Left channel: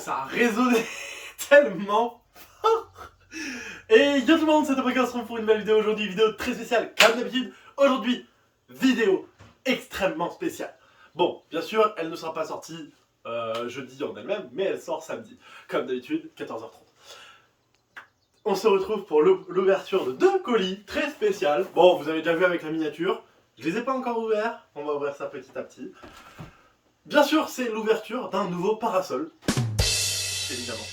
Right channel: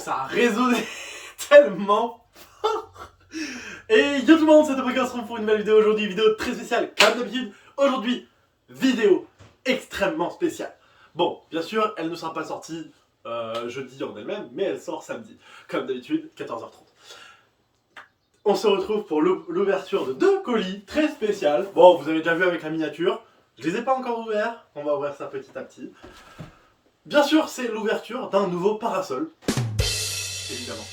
ça a résonné tellement fort. Et yo tout le monde, c'est Topoka, on se retrouve pour une nouvelle vidéo aujourd'hui, vidéo très spéciale, comme d'habitude. Aujourd'hui, vidéo extrêmement spéciale. Bon, bien sûr, elle ne sera pas sortie jeudi en elle-même, mais elle sort samedi, comme d'habitude, 14h30. On se retrouve pour l'ouverture de 2 colis très spéciales. Bon, vous avez déjà vu avec la miniature, je les ai pas encore ouverts, on va ouvrir ça petit à petit. Bien sûr, c'est l'ouverture d'un nouveau parasol, évidemment.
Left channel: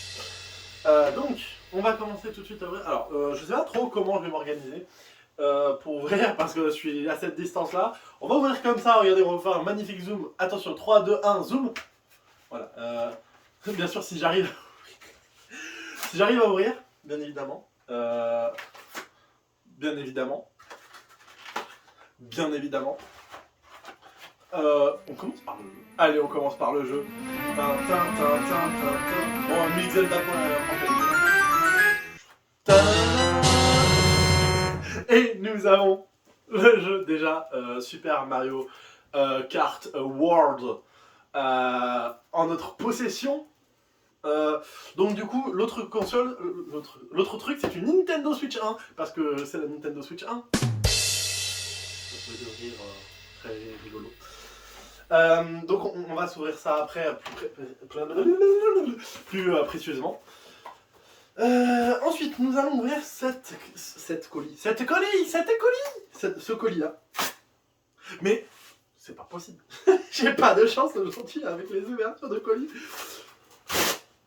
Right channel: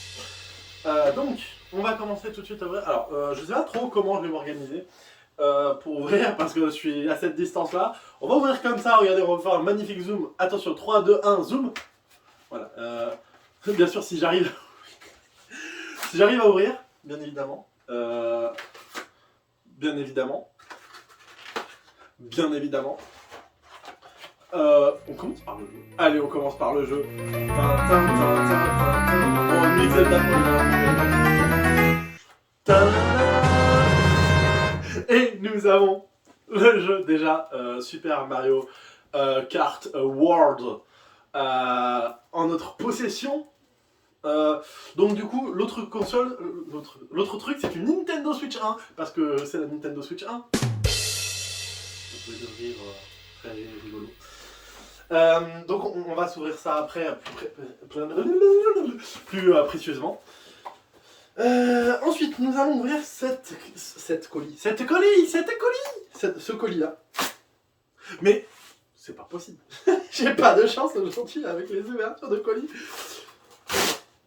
Donc, on va commencer tout de suite à ouvrir. Alors, je sais pas trop comment je vais m'organiser pour ouvrir, parce que je suis à cette distance-là. On va ouvrir comme ça, regardez, on va faire un magnifique zoom. Attention, 3, 2, 1, zoom. Voilà. Bien sûr, si j'arrive si j'arrive à ouvrir, bien évidemment. Bien évidemment. Bien évidemment. On commence par le jeu. Allez, on commence par le jeu. Bon, mix Zelda pour et nous avons le jeu déjà, Super Mario Kart World en notre possession. Donc du coup, l'autre console, l'autre truc, c'est une Nintendo Switch 1, parce que c'est la Nintendo Switch 1. Vous pouvez le rire, très rigolo. Donc on va s'ouvrir ça après plus précieusement. Ensuite, nous allons ouvrir ce colis là. Mais c'est pas possible. J'ai pas de chance aujourd'hui avec les ouvertures de colis.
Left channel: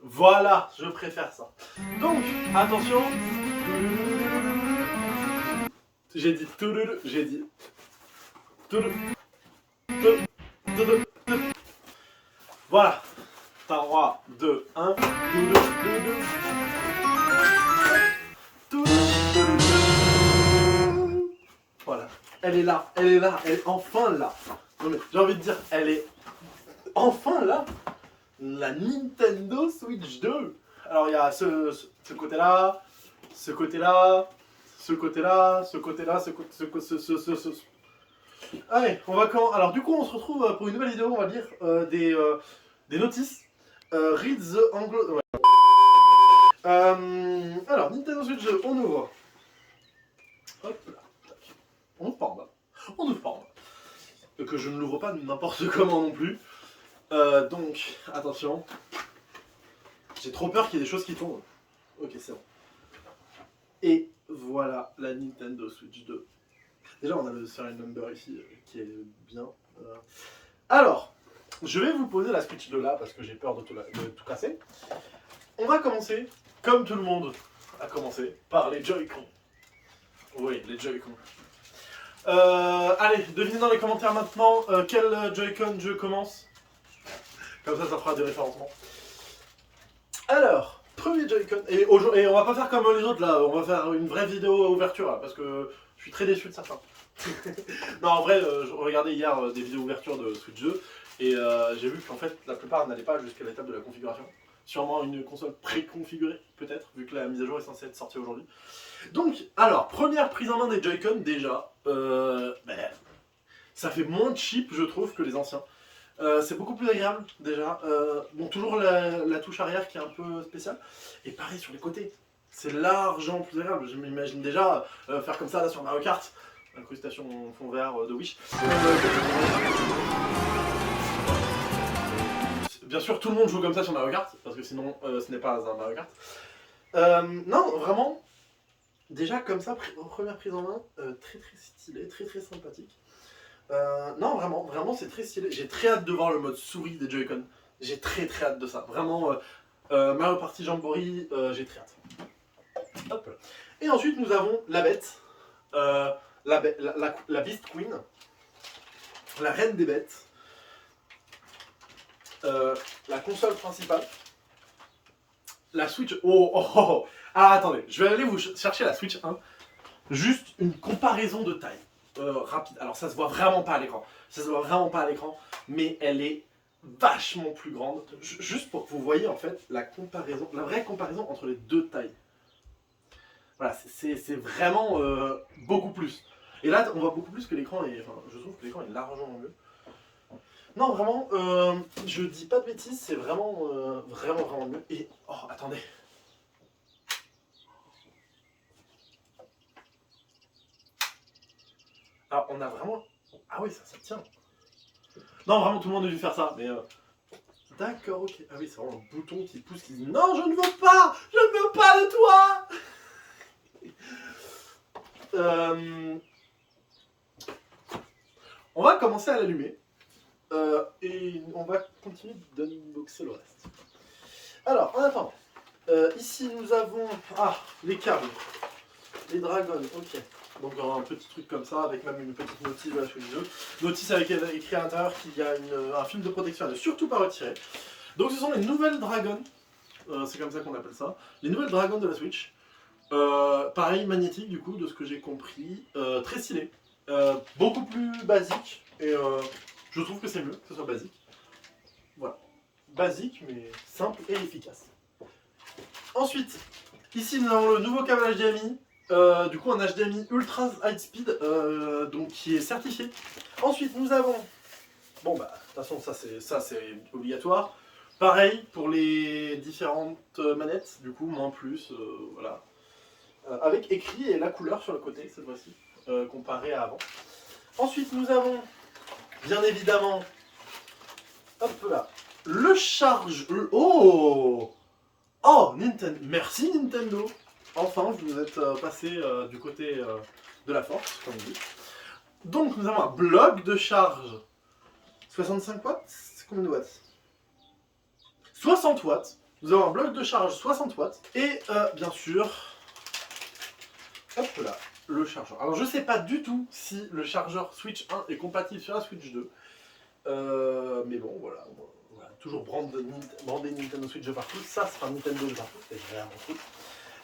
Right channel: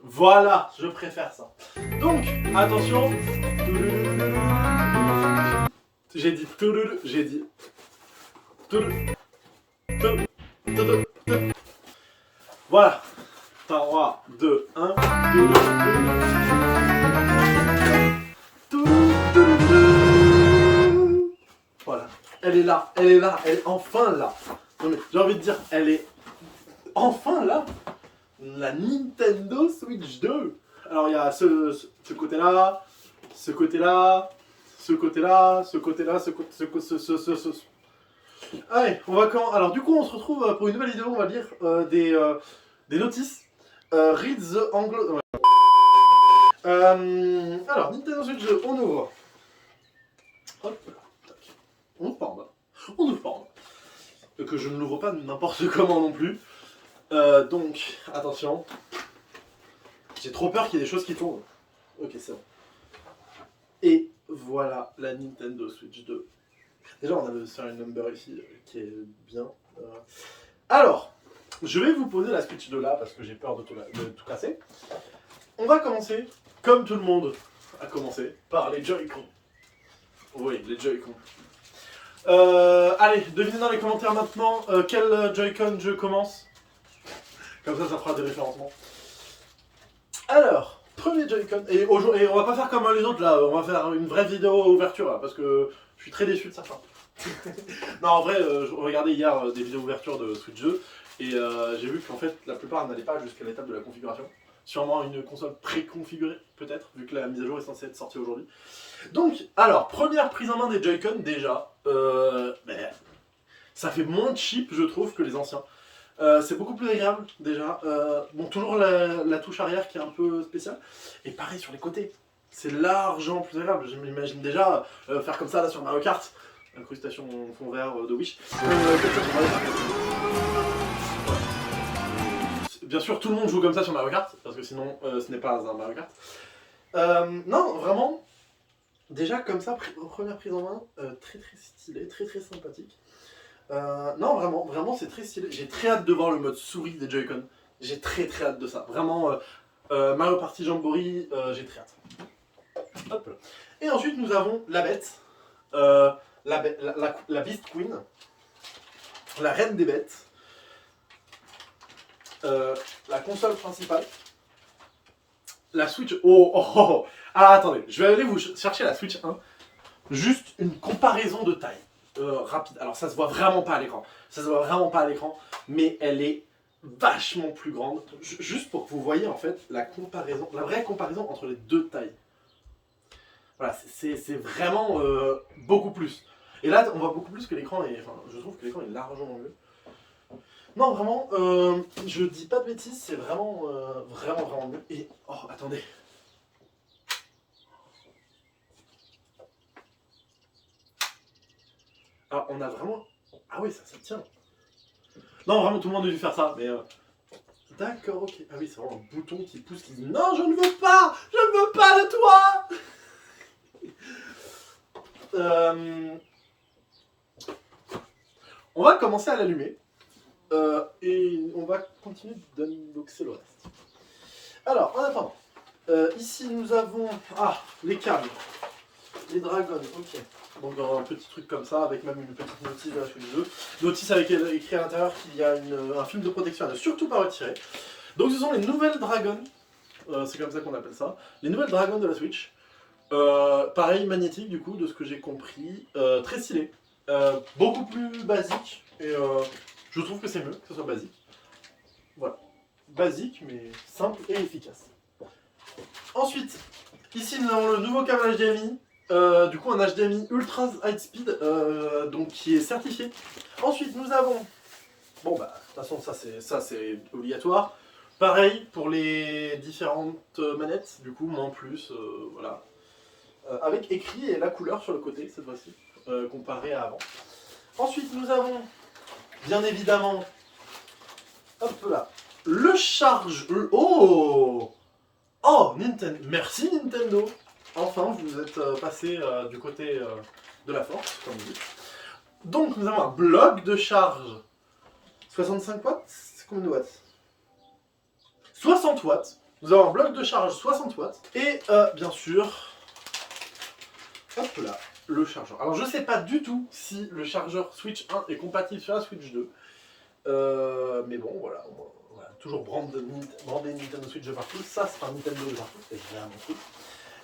Voilà, je préfère ça. Donc, attention. J'ai dit. Voilà. 3, 2, 1. Voilà. Elle est là, elle est enfin là. Non mais j'ai envie de dire, elle est enfin là. La Nintendo Switch 2. Alors il y a ce côté-là, ce côté-là, ce côté-là, ce côté-là, ce. Allez, on va quand. Alors du coup, on se retrouve pour une nouvelle vidéo, on va lire des notices. Read the Anglo. Ouais. Alors, Nintendo Switch 2, on ouvre. Hop là, tac. On ouvre pas en bas. On ouvre pas en bas. Que je ne l'ouvre pas n'importe comment non plus. Donc, attention. J'ai trop peur qu'il y ait des choses qui tombent. Ok, c'est bon. Et voilà la Nintendo Switch 2. Déjà, on a le serial number ici qui est bien. Alors, je vais vous poser la Switch 2 là parce que j'ai peur de tout casser. On va commencer, comme tout le monde a commencé, par les Joy-Con. Oui, les Joy-Con. Allez, devinez dans les commentaires maintenant quel Joy-Con je commence. Comme ça fera des référencements. Alors, premier Joy-Con. Et on va pas faire comme les autres là, on va faire une vraie vidéo ouverture là, parce que je suis très déçu de certains. Non, en vrai, je regardais hier des vidéos ouverture de Switch 2 et j'ai vu qu'en fait la plupart n'allaient pas jusqu'à l'étape de la configuration. Sûrement une console préconfigurée, peut-être, vu que la mise à jour est censée être sortie aujourd'hui. Donc, alors, première prise en main des Joy-Con déjà. Ça fait moins cheap, je trouve, que les anciens. C'est beaucoup plus agréable déjà. Bon, toujours la touche arrière qui est un peu spéciale. Et pareil sur les côtés. C'est largement plus agréable. Je m'imagine déjà faire comme ça là sur Mario Kart. Incrustation fond vert de Wish. Bien sûr, tout le monde joue comme ça sur Mario Kart, parce que sinon ce n'est pas un Mario Kart. Non, vraiment, déjà comme ça, première prise en main, très très stylé, très très sympathique. Non, vraiment c'est très stylé. J'ai très hâte de voir le mode souris des Joy-Con. J'ai très très hâte de ça. Vraiment, Mario Party Jamboree, j'ai très hâte. Hop là. Et ensuite, nous avons la bête, la Beast Queen, la reine des bêtes, la console principale, la Switch. Oh. Alors attendez, je vais aller vous chercher la Switch 1. Juste une comparaison de taille. Rapide. Alors ça se voit vraiment pas à l'écran. Mais elle est vachement plus grande. Juste pour que vous voyez en fait la vraie comparaison entre les deux tailles. Voilà, c'est vraiment beaucoup plus. Et là, on voit beaucoup plus que l'écran. Enfin, je trouve que l'écran est largement mieux. Non, vraiment, je dis pas de bêtises, c'est vraiment, vraiment mieux. Et, oh, attendez. Alors, on a vraiment... Ah oui, ça tient. Non, vraiment, tout le monde a dû faire ça, mais... D'accord, ok. Ah oui, c'est vraiment un bouton qui pousse, qui dit non, je ne veux pas, je ne veux pas de toi. On va commencer à l'allumer et on va continuer d'unboxer le reste. Alors, en attendant, ici nous avons les câbles, les dragons, ok. Donc un petit truc comme ça, avec même une petite notice à la suite du jeu. Notice avec écrit à l'intérieur qu'il y a un film de protection à ne surtout pas retirer. Donc ce sont les nouvelles dragons, c'est comme ça qu'on appelle ça, les nouvelles dragons de la Switch. Pareil, magnétique du coup, de ce que j'ai compris, très stylé, beaucoup plus basique, et je trouve que c'est mieux que ce soit basique. Voilà, basique mais simple et efficace. Ensuite, ici nous avons le nouveau câble HDMI, du coup un HDMI Ultra High Speed, donc qui est certifié. Ensuite nous avons, bon bah de toute façon ça c'est obligatoire. Pareil pour les différentes manettes, du coup moins plus, voilà. Avec écrit et la couleur sur le côté cette fois-ci, comparé à avant. Ensuite nous avons bien évidemment, hop là, le charge... Oh Nintendo, merci Nintendo. Enfin, vous êtes passé du côté de la force, comme on dit. Donc, nous avons un bloc de charge 65 watts. C'est combien de watts? 60 watts. Nous avons un bloc de charge 60 watts. Et bien sûr, hop là, le chargeur. Alors, je sais pas du tout si le chargeur Switch 1 est compatible sur la Switch 2. Mais bon, voilà. Toujours brandé Nintendo Switch de partout. Ça sera Nintendo de partout. C'est vraiment cool.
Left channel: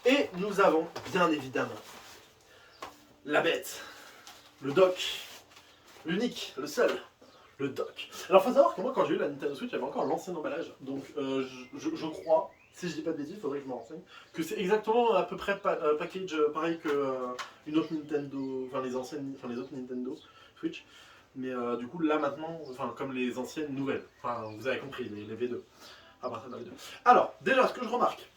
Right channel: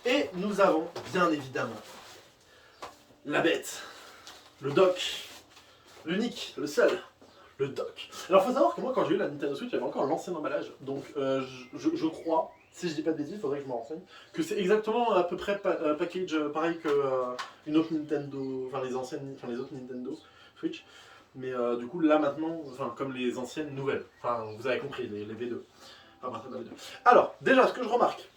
Et nous avons, bien évidemment, la bête, le dock, l'unique, le seul, le dock. Alors, faut savoir que moi, quand j'ai eu la Nintendo Switch, j'avais encore l'ancien emballage. Donc, je crois, si je dis pas de bêtises, il faudrait que je me renseigne, que c'est exactement à peu près package pareil que une autre Nintendo, enfin les autres Nintendo Switch. Mais du coup, là maintenant, enfin, comme les anciennes nouvelles. Enfin, vous avez compris, les V2. Enfin, bref, V2. Alors, déjà, ce que je remarque,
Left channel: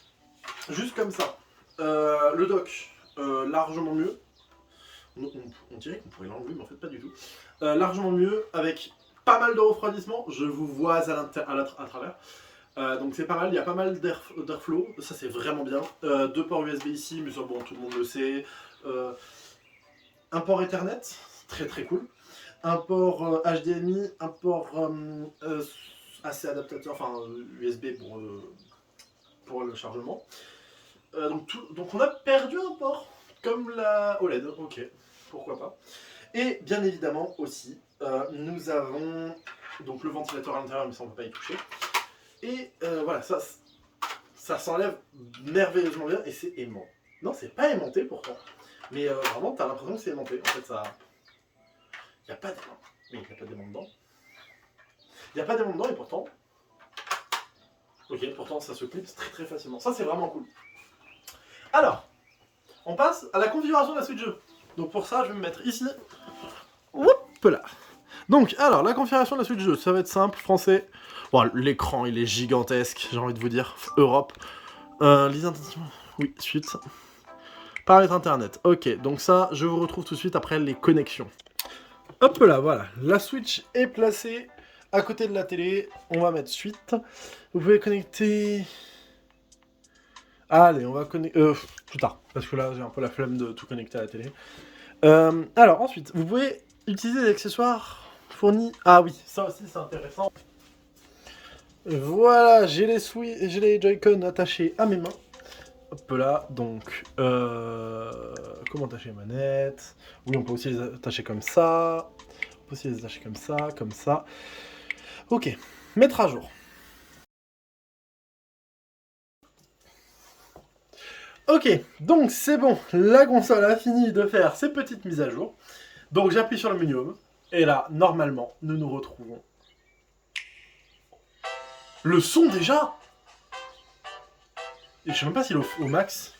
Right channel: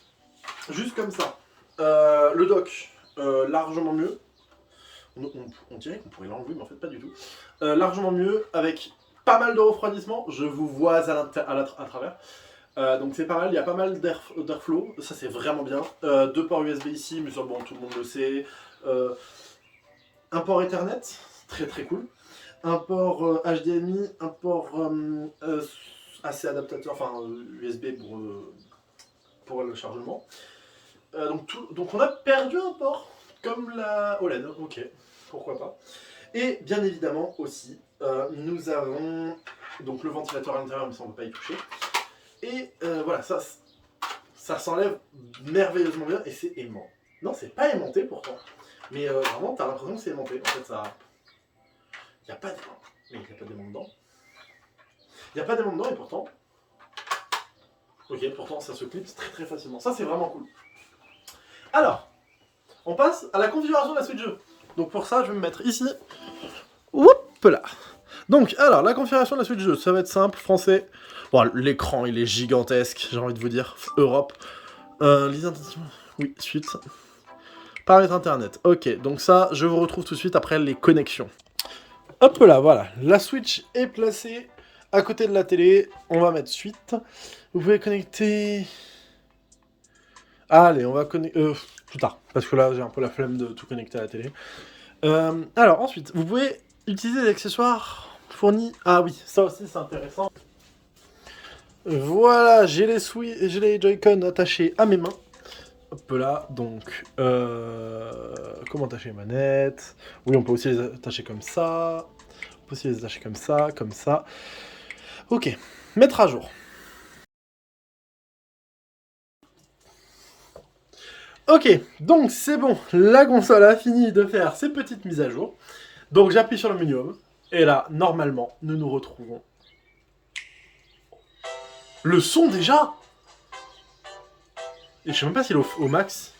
juste comme ça, le dock, largement mieux. On dirait qu'on pourrait l'enlever, mais en fait pas du tout. Largement mieux, avec pas mal de refroidissement. Je vous vois à travers. Donc c'est pas mal, il y a pas mal d'airflow. Ça c'est vraiment bien. Deux ports USB ici, mais ça bon, tout le monde le sait. Un port Ethernet, très très cool. Un port HDMI, un port assez adaptateur, enfin USB pour le chargement. Donc on a perdu un port, comme la OLED, ok, pourquoi pas. Et bien évidemment aussi, nous avons donc le ventilateur à l'intérieur, mais ça on ne peut pas y toucher. Et voilà, ça s'enlève merveilleusement bien et c'est aimant. Non, c'est pas aimanté pourtant, mais vraiment t'as l'impression que c'est aimanté. En fait, ça... Il n'y a pas d'aimant. Mais il n'y a pas d'aimant dedans. Il n'y a pas d'aimant dedans et pourtant... Ok, pourtant ça se clipse très très facilement. Ça c'est vraiment cool. Alors, on passe à la configuration de la Switch 2. Donc pour ça, je vais me mettre ici. Hop là. Donc, alors, la configuration de la Switch 2, ça va être simple, français. Bon, l'écran, il est gigantesque, j'ai envie de vous dire. Europe. Oui, suite. Paramètres internet. Ok, donc ça, je vous retrouve tout de suite après les connexions. Hop là, voilà. La Switch est placée à côté de la télé. On va mettre suite. Vous pouvez connecter... Allez, on va connecter... plus tard, parce que là, j'ai un peu la flemme de tout connecter à la télé. Alors, ensuite, vous pouvez utiliser des accessoires fournis... Ah oui, ça aussi, c'est intéressant. Voilà, j'ai les Joy-Con attachés à mes mains. Hop là, donc... comment attacher les manettes? Oui, on peut aussi les attacher comme ça. On peut aussi les attacher comme ça, comme ça. Ok, mettre à jour. Ok, donc c'est bon, la console a fini de faire ses petites mises à jour. Donc j'appuie sur le menu Home, et là, normalement, nous nous retrouvons. Le son déjà? Et je sais même pas s'il est au max.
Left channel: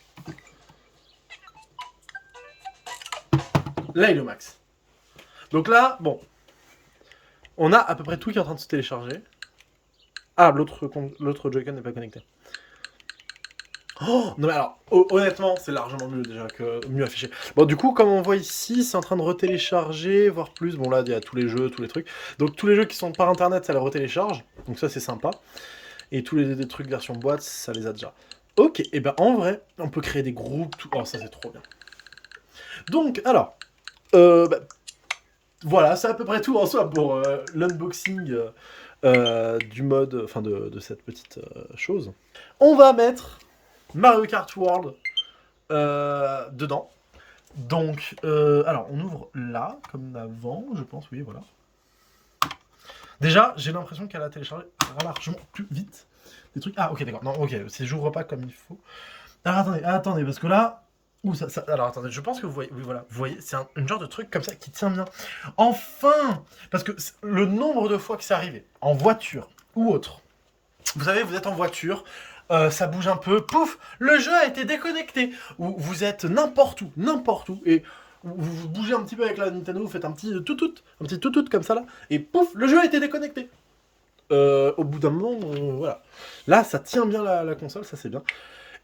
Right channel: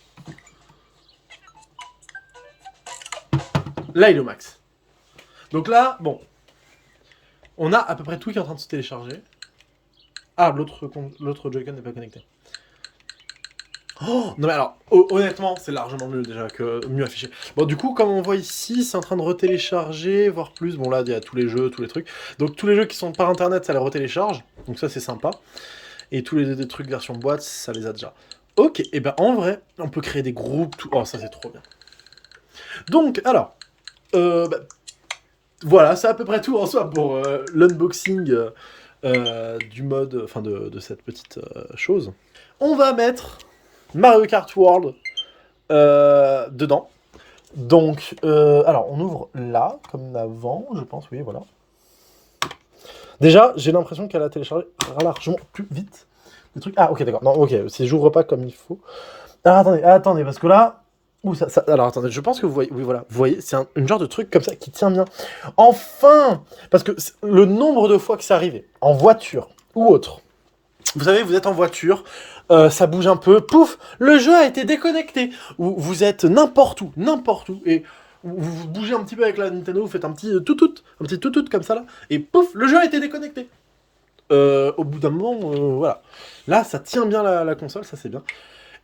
Là, il est au max. Donc là, bon. On a à peu près tout qui est en train de se télécharger. Ah, l'autre Joy-Con n'est pas connecté. Oh, non mais alors, honnêtement, c'est largement mieux déjà que mieux affiché. Bon, du coup, comme on voit ici, c'est en train de retélécharger, voire plus. Bon, là, il y a tous les jeux, tous les trucs. Donc, tous les jeux qui sont par internet, ça les retélécharge. Donc, ça, c'est sympa. Et tous les trucs version boîte, ça les a déjà. Ok, et ben en vrai, on peut créer des groupes. Oh, ça, c'est trop bien. Donc, alors, voilà, c'est à peu près tout en soi pour l'unboxing du mode, enfin de cette petite chose. On va mettre Mario Kart World dedans. Donc, alors, on ouvre là, comme avant, je pense, oui, voilà. Déjà, j'ai l'impression qu'elle a téléchargé largement plus vite des trucs. Ah, ok, d'accord. Non, ok, si j'ouvre pas comme il faut. Alors, attendez, parce que là... Ouh, alors, attendez, je pense que vous voyez... Oui, voilà, vous voyez, c'est une genre de truc comme ça qui tient bien. Enfin! Parce que le nombre de fois que c'est arrivé, en voiture ou autre, vous savez, vous êtes en voiture, ça bouge un peu, pouf, le jeu a été déconnecté. Ou vous êtes n'importe où, et vous bougez un petit peu avec la Nintendo, vous faites un petit tout comme ça là, et pouf, le jeu a été déconnecté. Au bout d'un moment, voilà. Là, ça tient bien la console, ça c'est bien.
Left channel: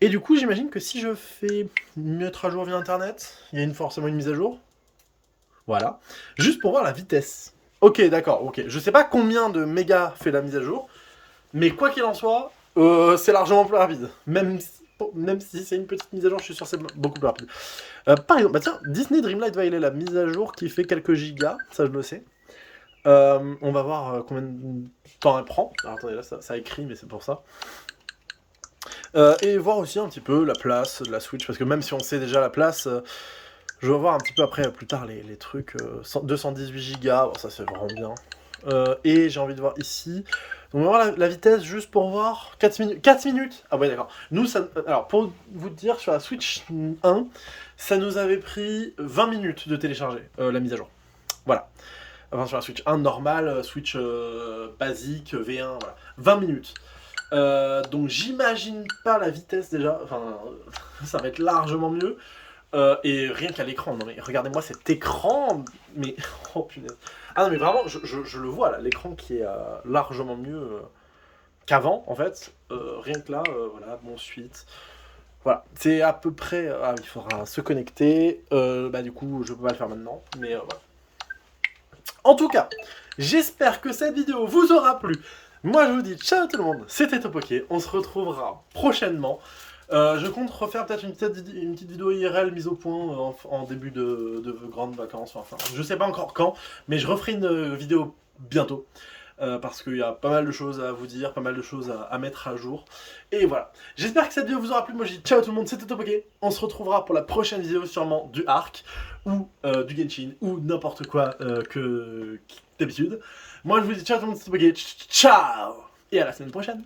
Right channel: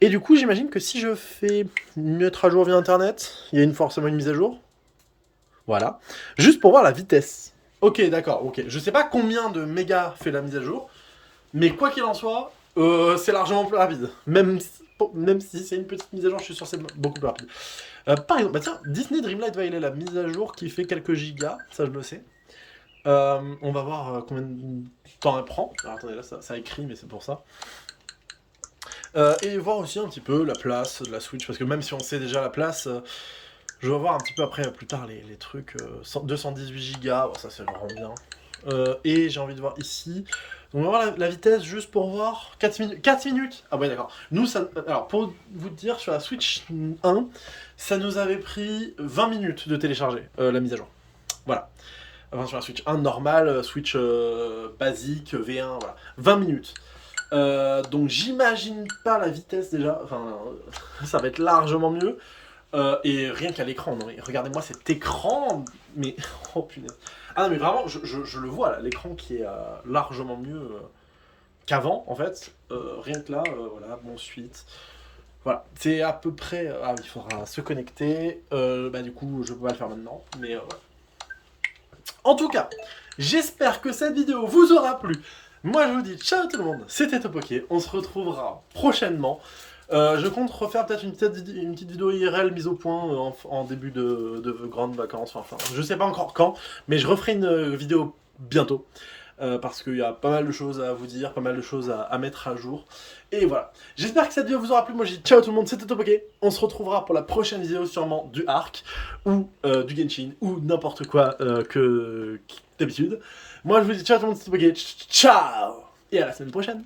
Et du coup, j'imagine que si je fais mettre à jour via Internet, il y a forcément une mise à jour. Voilà. Juste pour voir la vitesse. Ok, d'accord, ok. Je sais pas combien de mégas fait la mise à jour, mais quoi qu'il en soit, c'est largement plus rapide. Même si c'est une petite mise à jour, je suis sûr que c'est beaucoup plus rapide. Par exemple, bah tiens, Disney Dreamlight Valley, la mise à jour qui fait quelques gigas, ça je le sais. On va voir combien de temps elle prend. Alors, attendez, là ça écrit, mais c'est pour ça. Et voir aussi un petit peu la place de la Switch, parce que même si on sait déjà la place, je vais voir un petit peu après, plus tard, les trucs. 218 Go, bon, ça c'est vraiment bien. Et j'ai envie de voir ici. Donc on va voir la vitesse juste pour voir. 4 minutes. 4 minutes. Ah ouais, d'accord. Nous, ça, alors pour vous dire, sur la Switch 1, ça nous avait pris 20 minutes de télécharger la mise à jour. Voilà. Enfin, sur la Switch 1 normale, Switch basique, V1, voilà. 20 minutes. Donc j'imagine pas la vitesse déjà. Enfin, ça va être largement mieux. Et rien qu'à l'écran, non mais regardez-moi cet écran, mais oh punaise. Ah non mais vraiment, je le vois là, l'écran qui est largement mieux qu'avant en fait. Rien que là, voilà, bon suite. Voilà, c'est à peu près. Ah, il faudra se connecter. Bah du coup, je peux pas le faire maintenant, mais voilà. En tout cas, j'espère que cette vidéo vous aura plu. Moi je vous dis ciao tout le monde, c'était Topoké, on se retrouvera prochainement. Je compte refaire peut-être une petite vidéo IRL mise au point en début de grandes vacances, enfin je sais pas encore quand, mais je referai une vidéo bientôt. Parce qu'il y a pas mal de choses à vous dire, pas mal de choses à mettre à jour. Et voilà. J'espère que cette vidéo vous aura plu. Moi je dis ciao tout le monde, c'était Topoké. On se retrouvera pour la prochaine vidéo sûrement du Ark, ou du Genshin, ou n'importe quoi que d'habitude. Moi je vous dis ciao tout le monde, c'était Topoké. Ciao. Et à la semaine prochaine.